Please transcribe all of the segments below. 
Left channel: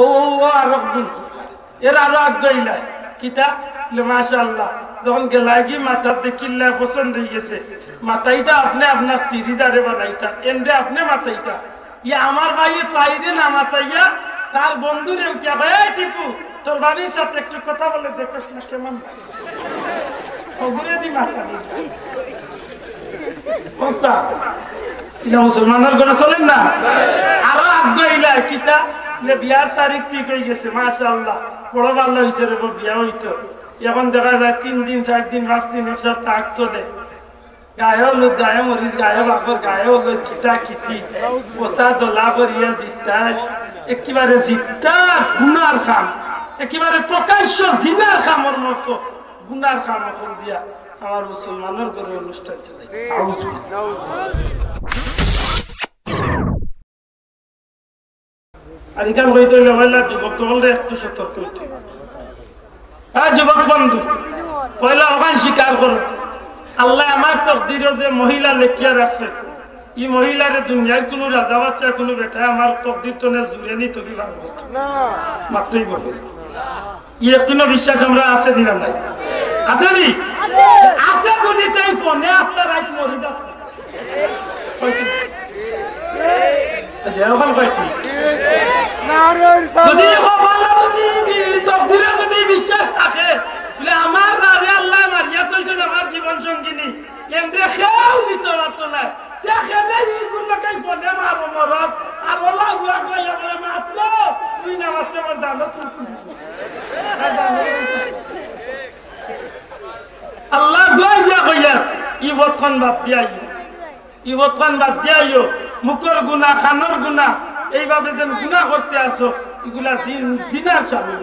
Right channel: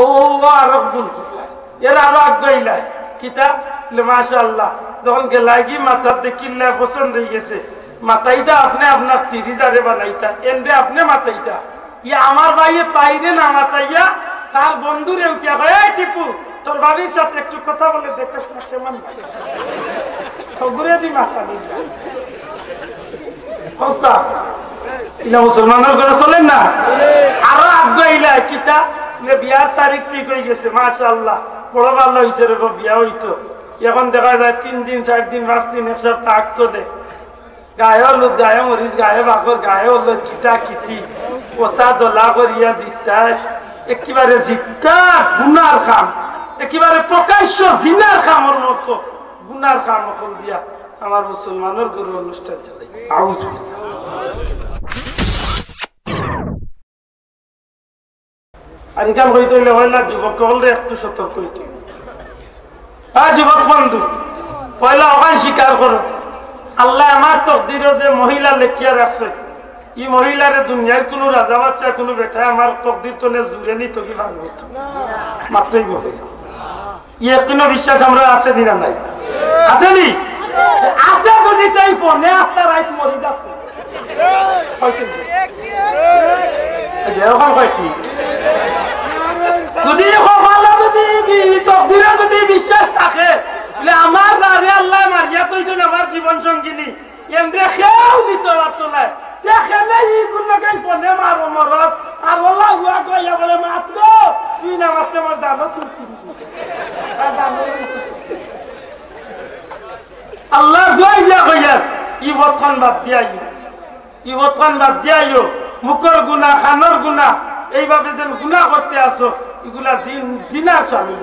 ও আরবুল এর আরো আগ্রহীলাই কিতা মাশাআল্লাহ যখন গেলাগি মাথার দেখিল্লা পছন্দ হয়ে গেছে মাথাইটা আপনি আপনার স্ত্রী যারে বানাইতা এন্ডে আপনি মাথাইটা ইয়া আমার ভাইয়ে পাইরে না মাথাইয়া তার বন্ধুরে উঠিয়া ভাই টিপু তোর বাড়ির সাথে একটু কথা বলে দেখিস না কেমন ঘুরে দি মাথা মুসলমানের ঘরে চলেন না আরো আগ্রহীলা কিতা বিয়ার তারিখ ঠিক হয়ে গেছে মাশাআল্লাহ বড় ভালো হয়েছে রে বিয়া হইতো এখন দেখা যায় 3 দিন 4 দিন 5 দিন এক সপ্তাহ আগ চলে গায়ে হলো গায়ে মরিচ গায়ে বাকর গায়ে হলো কিতা কিতি ওটা দোলা করিয়া জিতাস একেবারে জিতা গুনার খাম একেবারে প্রকাশ্য জিনার খামর মতো গুনার খাম হল দিয়া আমার মুসলমানের ঘরে অনুষ্ঠান চালাই আজকাল হইতে হইলে হয় না যুবক হলে একটু সতর্ক হইতে হ্যাঁ যুবক বন্ধু পয়লা ওখানে স্বীকার করো আল্লাহ আমার তকদিরে যে মহিলা লেখিয়া রাখছে এই মহিলার দুনিয়ার কোন রাজা বাচ্চা কোন বেটা আমার তকদির তো জুড়ে নি তোকে ভাঙবে মাত্রই বলে ইয়ে কোনো বিশ্বাস আমরা আছে দিনা নাই আছে নি আছে যদি তাই ফোনে আপনার রাইট মরি যাচ্ছে এরকম কয়েকটি যদি তকদিরে যদি বিশ্বাস থাকে আমার রাজে আল্লাহ মারিয়া তৈছেন আমার জীবন সঙ্গিনী এমনি খেয়েও দিতে পারতো না আল্লাহ ইবতখান বাদ দিয়াইও মুখর গুণা খানোর গুণা এইভাবে যেন গুণা করতে আসো এগুলা জিনার স্বামী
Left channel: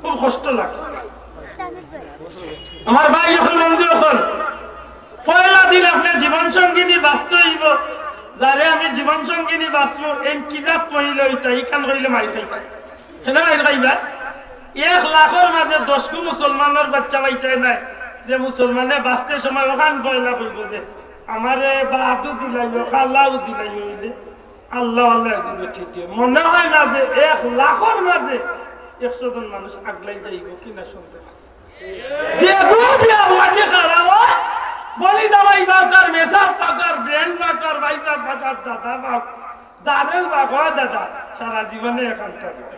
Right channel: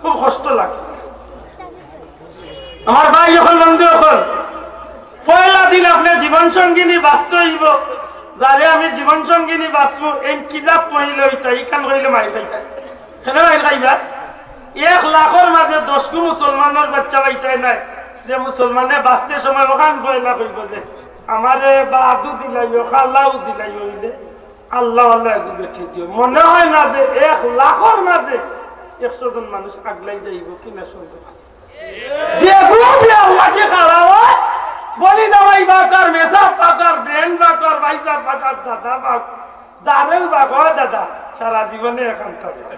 খুব কষ্ট লাগে আমার ভাই যখন বন্ধু এখন পয়লা দিন আপনার জীবন সঙ্গিনী বাঁচতে হইব যারে আমি জীবন সঙ্গিনী বাঁচবো এই কিজাব পড়িলে হইতা ইকান করিলে মারি খাইতা সেটা মারি খাইবা 1 লাখের মাঝে 10 মুসলমানের বাচ্চা পাইতে নাই যে মুসলমানে বাঁচতে সময় ওখান পয়লা কইব যে আমারে বাদু দিলাইও খাল্লাও দিলাই হইলে আল্লাহ আল্লাহ বেঠি দিও মনে হয় না যে 1 লাখের মাঝে 100 জন মানুষ আগলাই যাইব কিনা শুনতে পাচ্ছি বলি দামাই বাকার মেসাব বাকার ব্রেন বাকার ভাইজার বাকার দাদা বাক দারেও বাকা দাদা সারা জীবনে এখন থাকবে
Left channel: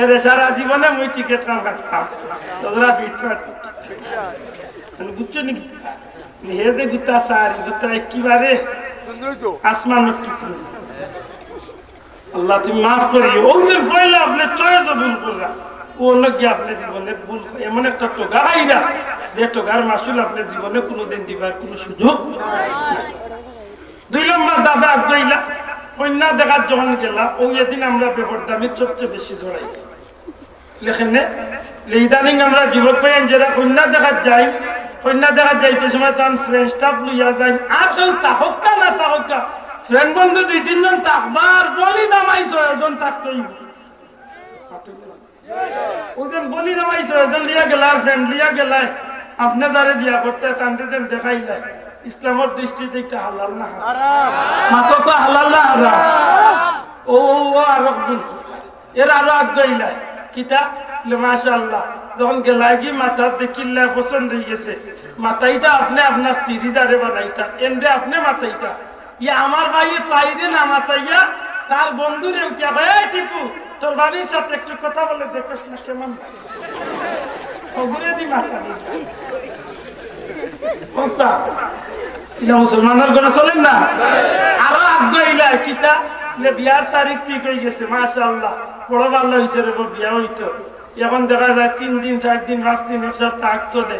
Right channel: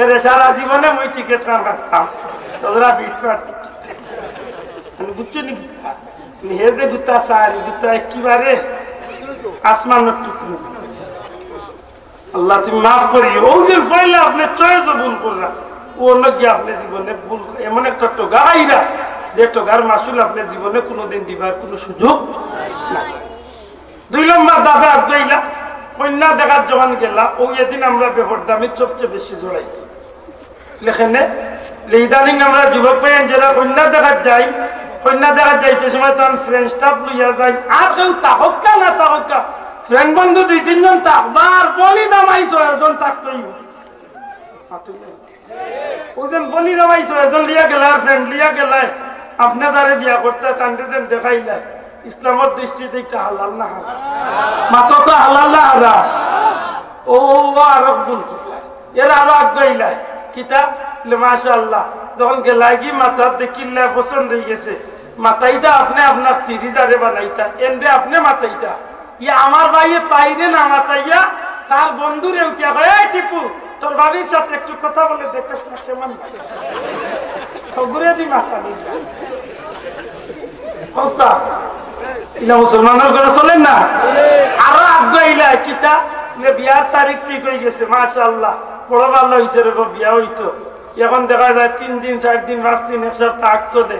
এরে সারা জীবনে মুই টিকেট কাটতাম তোরা বিটরা বুঝছো নাকি হে যে গুতা সারি গুতা একেবারে আসমানের টুকরো আল্লাহ তুমি মাফ করিও ও যে পয়লা আপনি চয়েস ভুল কররা ও লগে আপনি জীবনে ভুল এমন একটা টোকা আইরা যে টোকার মাসুল আপনার জীবনে কোনোদিন দিবার কোনো সুযোগ নাই 2 নম্বর দাদা আব্দুল্লাহ কন্যা দেখার যখন গেলা ওই এদিন আমরা বেপরদামি সবচেয়ে বেশি জড়াইছি লেখেনে ইদানিং আমরা যুবক পেয়েন যারা কন্যা দেখার যাই কন্যা দেখার যাইতে সময় তখন ফ্রেন্ড স্টাফ লইয়া যাই আর কেউ তাহকা না তাহকা ফ্রেন্ড বন্ধু 2-3 জন থাকবার বলি নামাইছো একজন থাকতই ওজন বলি নামাইছো একজন লিয়া গেলার ফ্রেন্ড লিয়া গেলাই আপনি তারে বিয়া করতে কান্দে দেন দেখাইলাই ইসলামের দৃষ্টিতে একটা হালাল না মাত্র তো হালাল না হারা ও আরবুল এর আরো আগ্রহীলাই কিতা মাশাআল্লাহ যখন গেলাগি মাথার দেখিল্লা পছন্দ হয়ে গেছে মাথাইটা আপনি আপনার স্ত্রী যারে বানাইতা এন্ডে আপনি মাথাইটা ইয়া আমার ভাইয়ে পাইরে না মাথাইয়া তার বন্ধুরে উঠিয়া ভাই টিপু তোর বাড়ির সাথে একটু কথা বলে দেখিস না কেমন ঘুরে দি মাথা মুসলমানের ঘরে চলেন না আরো আগ্রহীলা কিতা বিয়ার তারিখ ঠিক হয়ে গেছে মাশাআল্লাহ বড় ভালো হয়েছে রে বিয়া হইতো এখন দেখা যায় 3 দিন 4 দিন 5 দিন এক সপ্তাহ আগ চলে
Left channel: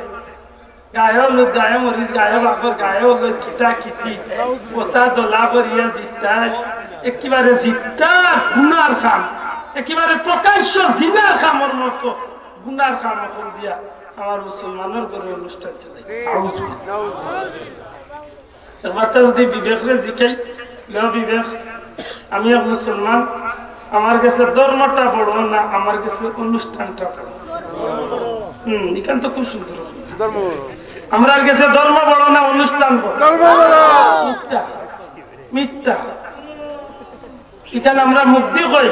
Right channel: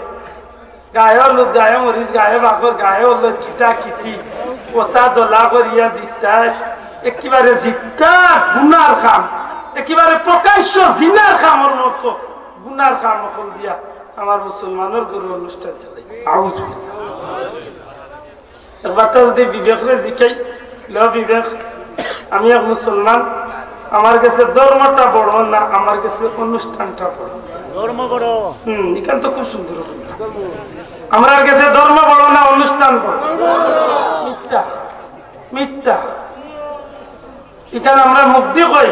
গায়ে হলো গায়ে মরিচ গায়ে বাকর গায়ে হলো কিতা কিতি ওটা দোলা করিয়া জিতাস একেবারে জিতা গুনার খাম একেবারে প্রকাশ্য জিনার খামর মতো গুনার খাম হল দিয়া আমার মুসলমানের ঘরে অনুষ্ঠান চালাই বাচ্চা যদি বিবেকরে জিকাই বিবেক আমি এক মুসলমান আমার কাছে ধর্মটা বড় না আমার কাছে অনুষ্ঠানটা বড় এখান তো খুব সুন্দর আমার কাছে ধর্ম বড় না অনুষ্ঠান বড় মিথ্যা মিথ্যা এখানে আমরা মুক্তি কই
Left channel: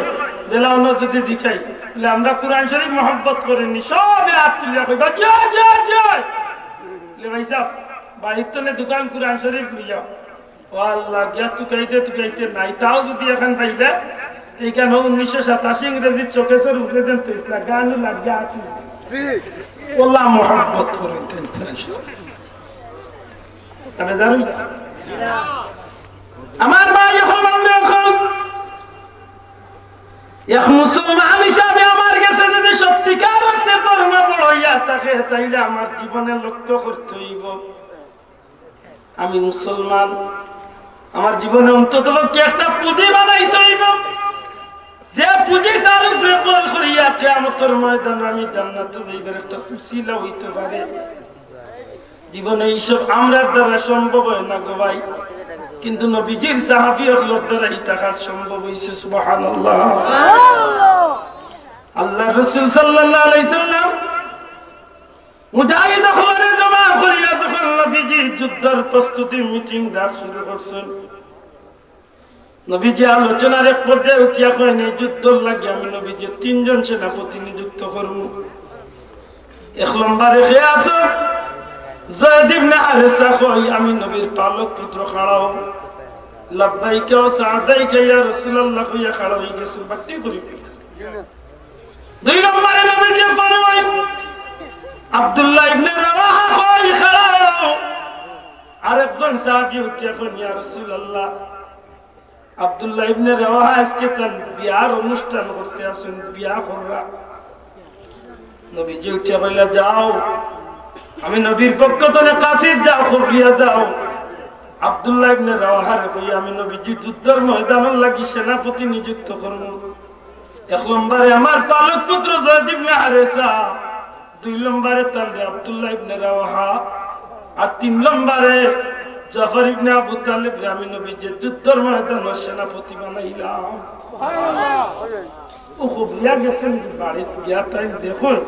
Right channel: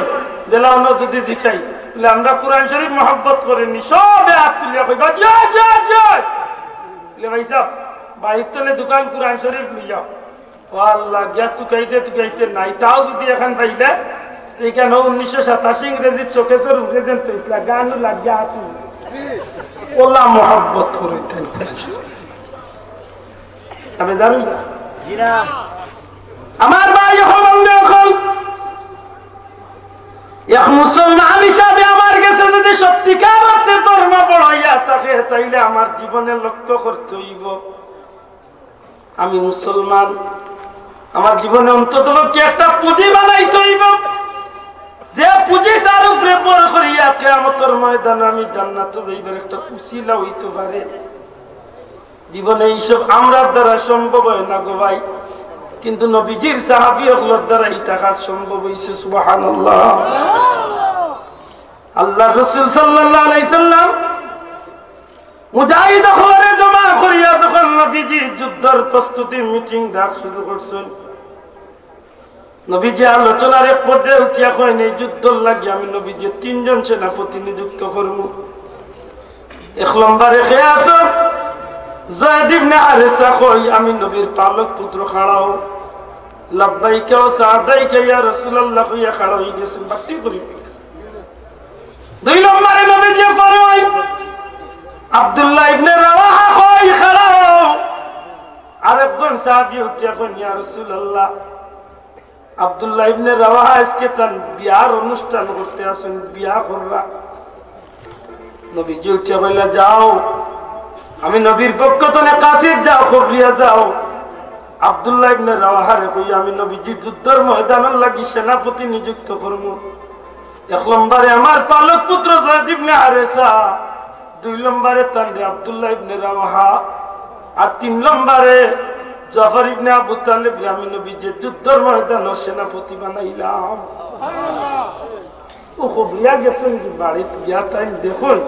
জেলা অন্য যদি দিখাই বলে আমরা কোরআন শরীফ মহব্বত করিনি সবে হাত তুলিয়া কইবা জয় জয় জয় ভাই সাহেব বাড়ির তলে দোকান কোরআন শরীফ লইয়া ও আল্লাহ গিয়া তুকাইতে নাই তাও যদি এখন পাইলে এখানে 1987 ইংরেজির চোখে চোর উঠে যেন তো ইসলা গানও লাগিয়া হাত ওলা মহব্বত করিতেন তবে জানুন আমার ভাই এখন এক মুসলমান হিসাবে আমার কাছে যদি সত্যিকার অর্থে ধর্ম বড় হইয়া থাকে তাইলে আমার জীবনে লক্ষ্য করতে হইব আমি মুসলমান আমার জীবনে অন্তত কি একটা পুঁজি বানাইতে হইব যে পুঁজি তার উপরে বড় করিয়া কিয়ামতের ময়দানে আমি জান্নাতে যাইবার একটা উসিলা হইতে পারে জীবনে এইসব আমরার দ্বারা সম্ভব হয় না গো ভাই কিন্তু নবীজির সাহাবীদের দ্বারা এটা কাজ সম্ভব হয়েছে সুবহানাল্লাহ আল্লাহ রাসূল সাল্লাল্লাহু আলাইহি সাল্লাম মুজাহিদ করে জমা করিয়া যখন নবীজি যুদ্ধের প্রস্তুতি মিটিং ডাক শুরু করছেন নবীজি আলোচনার এক পর্যায়ে উঠিয়া করেন এই যুদ্ধর লাগে আমি নবীজি 3 জন সেনাপতি নিযুক্ত করব এক নম্বরে কে আছো যায়েদ ইবনে হারেসা কই আমি নবীর পালক পুত্র খাড়াও লাব্বাইকা ওয়া সাদাইকা ইয়া রাসূলুল্লাহ কইয়া খাড়া হই গেছে বাটি করি 2 নম্বরে নবীজি ফরমাই আব্দুল্লাহ ইবনে রাওয়াহা কই খাড়াও আরেকজন সাহাবী উঠিয়া কই ইয়া রাসূলুল্লাহ আব্দুল্লাহ ইবনে রাওয়াহা আজকে তার বিয়ার অনুষ্ঠান করতে আসেন বিয়া কররা নবীজি উঠিয়া কইলা যাও আমি নবীর পক্ষ থেকে কাসিদ যাও খবরিয়া যাও আব্দুল্লাহ ইবনে রাওয়াহারে কই আমি নবীজি যুদ্ধের ময়দানের লাগি সেনাপতি নিযুক্ত করব এক নম্বরে আমার পালক পুত্র যায়েদ ইবনে হারেসা 2 নম্বরে তানরে আব্দুল্লাহ ইবনে রাওয়াহা আর 3 নম্বরে জাফর ইবনে আবু তালিব আমি নবীজি যুদ্ধের ময়দানের সেনাপতি বানাইলাম সুবহানাল্লাহ ও খবরিয়া গেছেন বাড়িতে গিয়া তাই দেখুন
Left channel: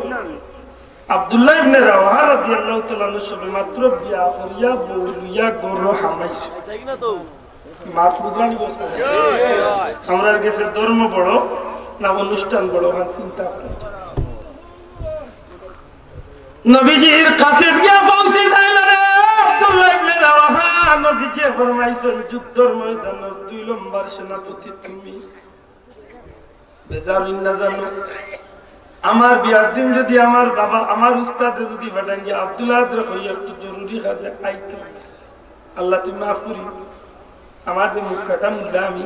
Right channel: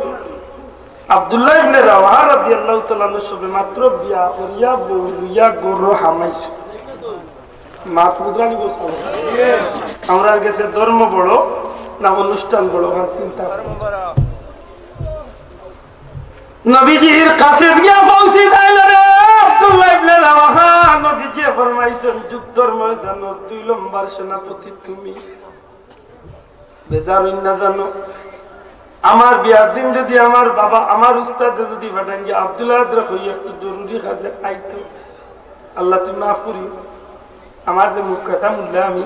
আব্দুল্লাহ ইবনে রাওয়াহা রাদিয়াল্লাহু তাআলা সবে মাত্র বিয়া করিয়া বউরিয়া গরু হামাইছে মাত বুঝরানি বলছে আমরা কাছে ধর্ম বড় না অনুষ্ঠান বড় হয় চিন্তা নবীজির কাছে গিয়া পৌঁছে দিলেন আব্দুল্লাহ ইবনে রাওয়াহা নবীজি ফরমাইছেন যুদ্ধের ময়দানে 2 নম্বর সেনাপতি তুমি বেজার না জানো আমার বিয়ার দিন যদি আমার বাবা আমার উস্তাদ যদি ফাটান গিয়ে আব্দুল্লাহ হই একটু জরুরি কাজে আইতো আল্লাহ তুমি মাফ করি আমার যে মুখ কাটা মুখলা আমি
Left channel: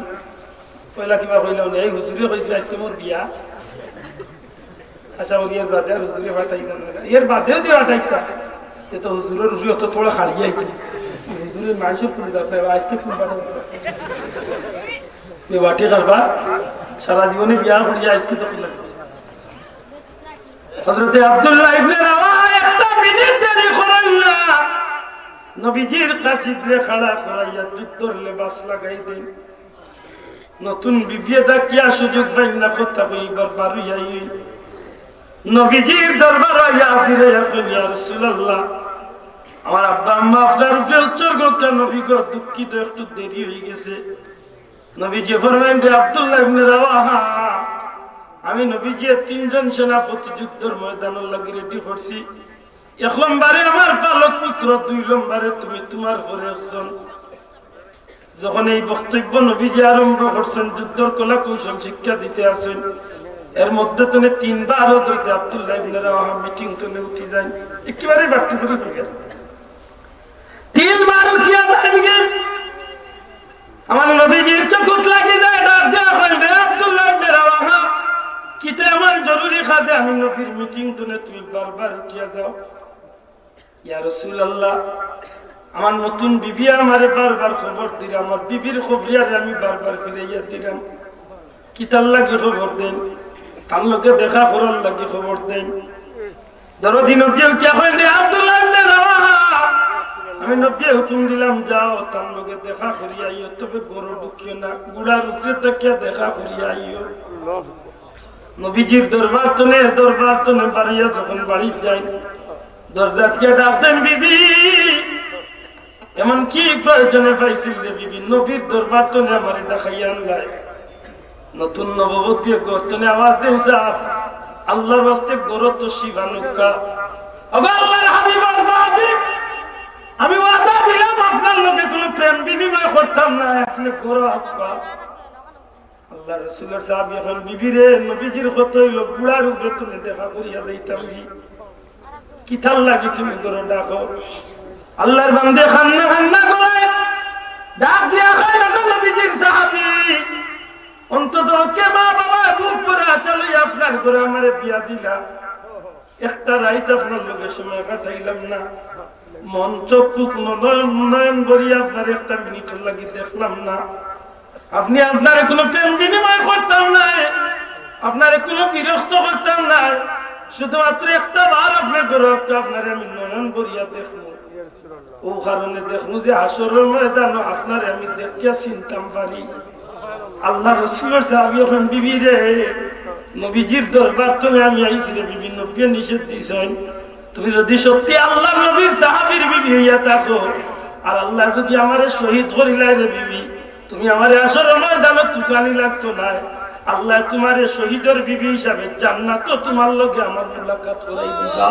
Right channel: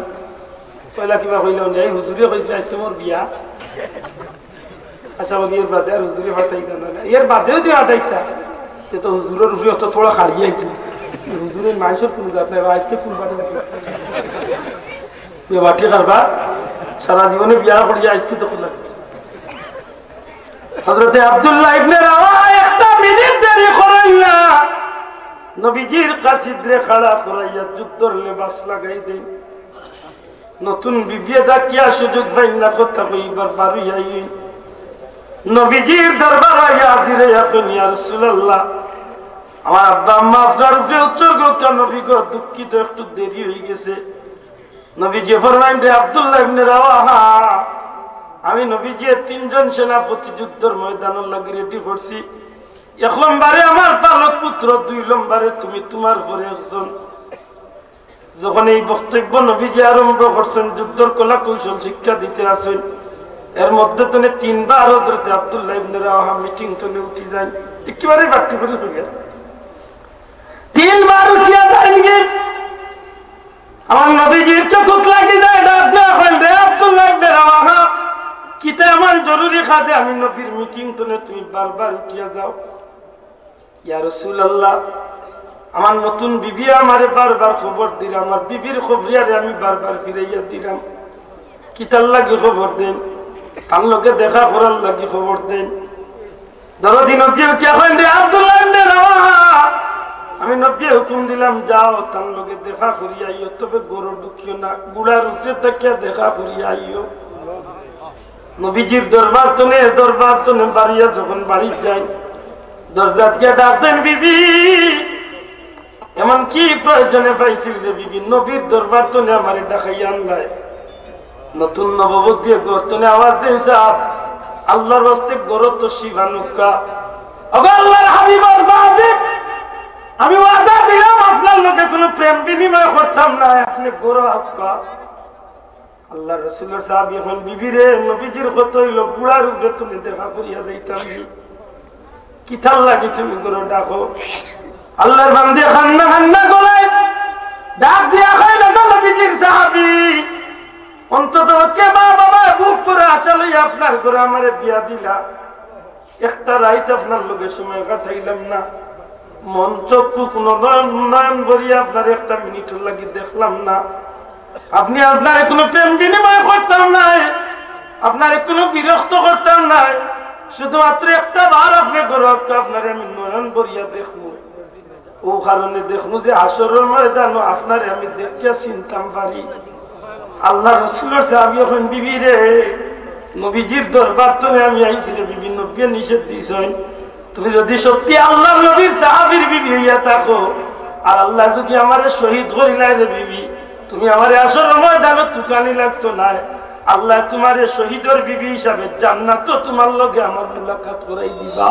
পয়লা কিবা কইলাম এই হুজুরি কইছিল আইছে মোর বিয়া আশা বলি এর বাদে আর হুজুরি ফাটাই না এর বাদেও দিয়ে আটাইতা সে তো হুজুরের উপরে অত থোড়া খাড়িয়ে আইতো হুজুরের মাইসব পুরো যাতে আজকে ফুল বাটি এ বাটি কারবা সারা জীবনে বিয়া করিয়া আজকে তো ফুল লাগছে হযরতে আব্দুল্লাহ ইবনে রাওয়াহা একটা মিনিট দেরি করেন না নবীজির কাছিদরে খাড়া করাইয়া যুদ্ধের লেবাস লাগাই দেন নতুন বিবিয়ে ডাকিয়া সুযোগ পাই না কথা কইবার পারিয়া নবীজির দরবার আইয়া হাজির এখন ইয়া রাসূলুল্লাহ আমার আব্বা আম্মা আপনার উপরে উৎসর্গ কেন নবী গো দুঃখিত একটু দেরি হয়ে গেছে নবীজি ফরমাইলেন রে আব্দুল্লাহ ইবনে রাওয়াহা আমি নবীজি 3 জন সেনাপতি যুদ্ধের ময়দানের লাগি রেডি করছি 1 নম্বরে আমার পালক পুত্র 2 নম্বরে তুমি তোমার পরে একজন যখন এই বক্তব্য নবীজি আরম্ভ করছেন যুদ্ধের কলা কৌশল শিক্ষা দিতে আসেন এর মধ্যে তো 3 বার হযরত আব্দুল্লাহ ইবনে রাওয়াহা মিটিং চলে উঠে যায় একেবারে বাক্য করে হয়ে গেল 3 বার উঠিয়া যায় আমার নবীজির চোখ লাগি যায় ডাক দেয়া হয় রে আব্দুল্লাহ ইবনে রাওয়াহা কিতে আমার জরুরি কাজে আমি নবীর মিটিং তুলে তুমি বারবার উঠিয়া যাও ইয়া রাসূলুল্লাহ আমার নতুন বিবি আমারে বারবার খবর দিলাম আমার বিবির খবরিয়ারে আমি বারবার ফিরাইয়া দিলাম কিতার লাগি খবর দেন তার লোকে দেখা করার লাগি খবর দেন দরদি নবী উঠিয়া কইন রে আব্দুল্লাহ ইবনে রাওয়াহা আমি নবী হুকুম দিলাম যাও তার লোকে দেখা করিয়া আইও তবে গরু ঢুকিও না গুড়ার উপরে থেকে দেখা করিয়া আইও নবীজির দরবার তনে বাড়িয়া যখন বাড়ি যাই দরজা থেকে ডাকতেন বিবি এমন কি প্রয়োজনে পাইছিল রে বিবি নবীর দরবার তনে আমার ডাকাইয়া আনলাই নতুন নববতী গর্তনে আওয়াজ দিয়েছে আল্লাহর হস্তে গরত শিবানুকা আল্লাহর হাবিবার হাবিব আমি ওয়াদা দিলাম আপনার লোকে কোনো প্রেম বিনিময় করতাম না আপনি গরো আপকা আল্লাহ রসুলের সাহাবী এখন বিবিরে নবীজির কত হইল বুড়ার উপরে তুমি দেখা করিয়া যাইতাম কি থাল লাগি তুমি গরো ডাকো আল্লাহর বান্দে খান্না খান্না করে ডাক দিয়া খায় না নবীজির সাহাবী অন্তত কে মা বাবা বুক করে আশা লই আপনার ঘরে আমারে বিয়া দিলা একটা রাইত আপনার লোকের সময় কাটাইলাম না মন চোখ নয়ন করিয়া আপনার একটা মিনিট লাগি দেখলাম না আপনি আপনার কোনো প্রেম বিনিময় করতাম নাই আপনার কোনো বিরক্ত করতাম নাই শুধুমাত্র একটা বার আপনি ঘরে আপনার আমি নয়ন করিয়া দেখবো ও কারণে দেখবো যে আসরের ময়দান আপনার আমি দেখিয়া চিনতাম পারি আল্লাহ রসুলের সাহাবী এখন বিবি রে নবীজির দরবার তুমি আমি আইছি রে বিবি নবী নিষেধ দিছ তুমি যদি সত্যি আল্লাহ নবীর সাহাবীর বিবি হইয়া থাকো আর আল্লাহ যদি আমারে শহীদ করিলাই রে বিবি তুমি আমারে আসরের ময়দানে তুকানি লাগতো না আল্লাহ তোমারে শহীদের বিবি হিসাবে জান্নাত তোমার লগে আমার মুলাকাত করাই দিবা